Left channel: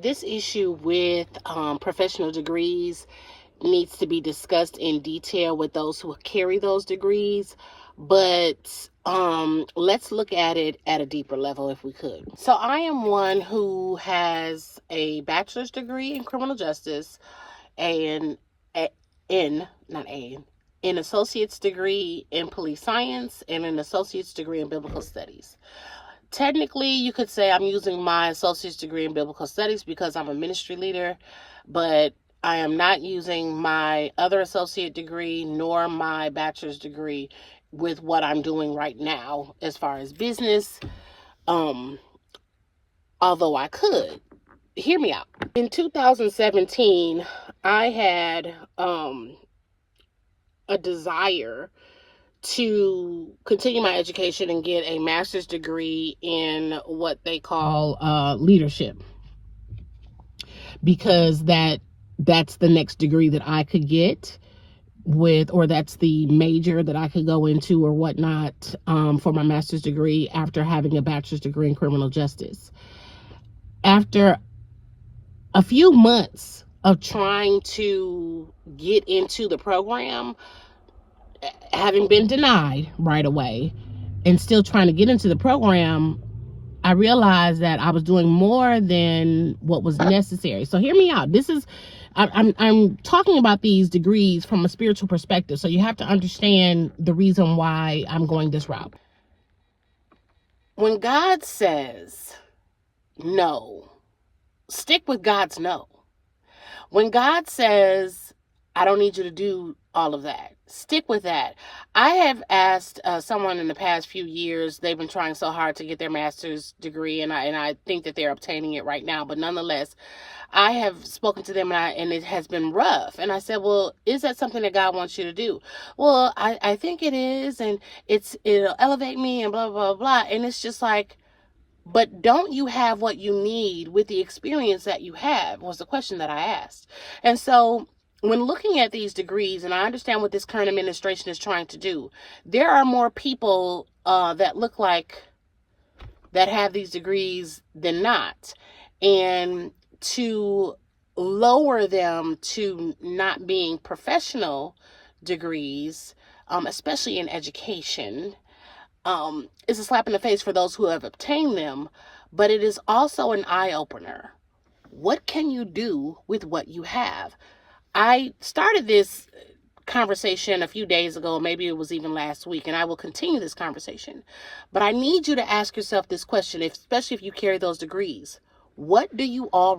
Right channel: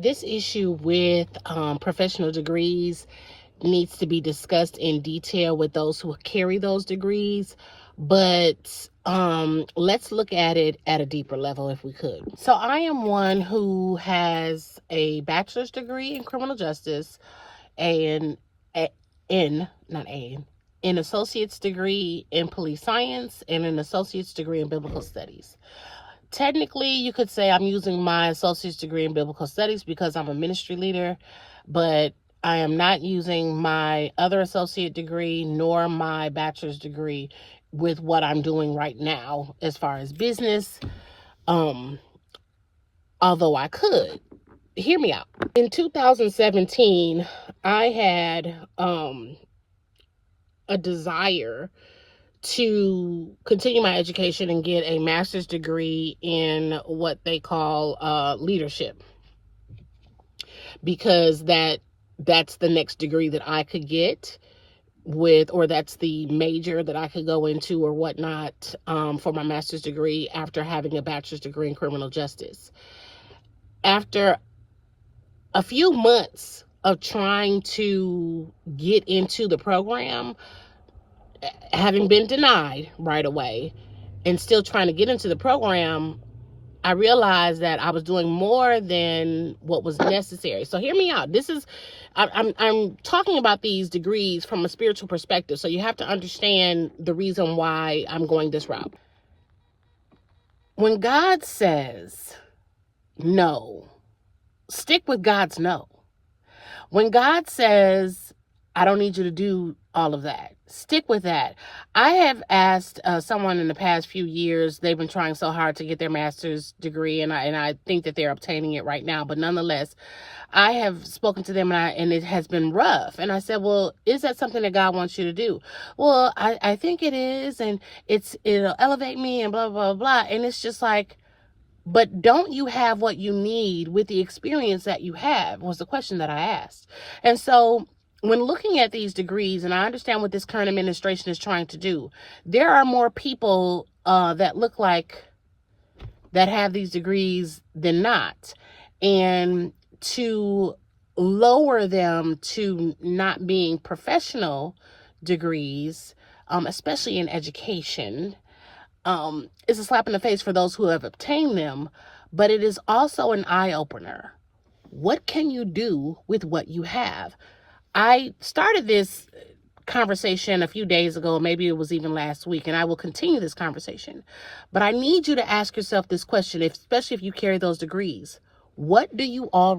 This issue with professional degrees needs to be discussed in detail with those who carry those degrees, but let's look at it at a deeper level if we could. So I am one who has a bachelor's degree in criminal justice and an associate's degree in police science and an associate's degree in biblical studies. Technically, you could say I'm using my associate's degree in biblical studies because I'm a ministry leader, but I am not using my other associate degree nor my bachelor's degree with what I'm doing right now as far as business, although I could. Hear me out. In 2017, I had a desire to continue my education and get a master's degree in what they call leadership, because that's the next degree that I could get with, or that's the major that I could go into or whatnot for my master's degree after having a bachelor's degree in criminal justice. After a few months of trying to get into the program, having been denied right away and still trying to get into the program, I realized that I was doing more than what was necessary. So hear me out. I'm talking about these degrees from a spiritual perspective. So you have to understand the reason why I'm going this route. When God says no, stick with God's no. When God says, I don't need you to do all of that, stick with that. I have asked someone in the past few years, they've been trying so hard to get their master's degree, and I think that they're obtaining it right now, but nonetheless, I have spoken to them and it has been rough. And I said, well, is that something that God wants you to do? Well, I think it is, and it'll elevate me and blah, blah, blah. And it's just like, but don't you have what you need with the experience that you have, was the question that I asked. And so when looking at these degrees, and I understand what this current administration is trying to do, there are more people that look like that have these degrees than not. And to lower them to not being professional degrees, especially in education, is a slap in the face for those who have obtained them, but it is also an eye-opener. What can you do with what you have? I started this conversation a few days ago, maybe it was even last week, and I will continue this conversation. But I need you to ask yourself this question, especially if you carry those degrees. What do you already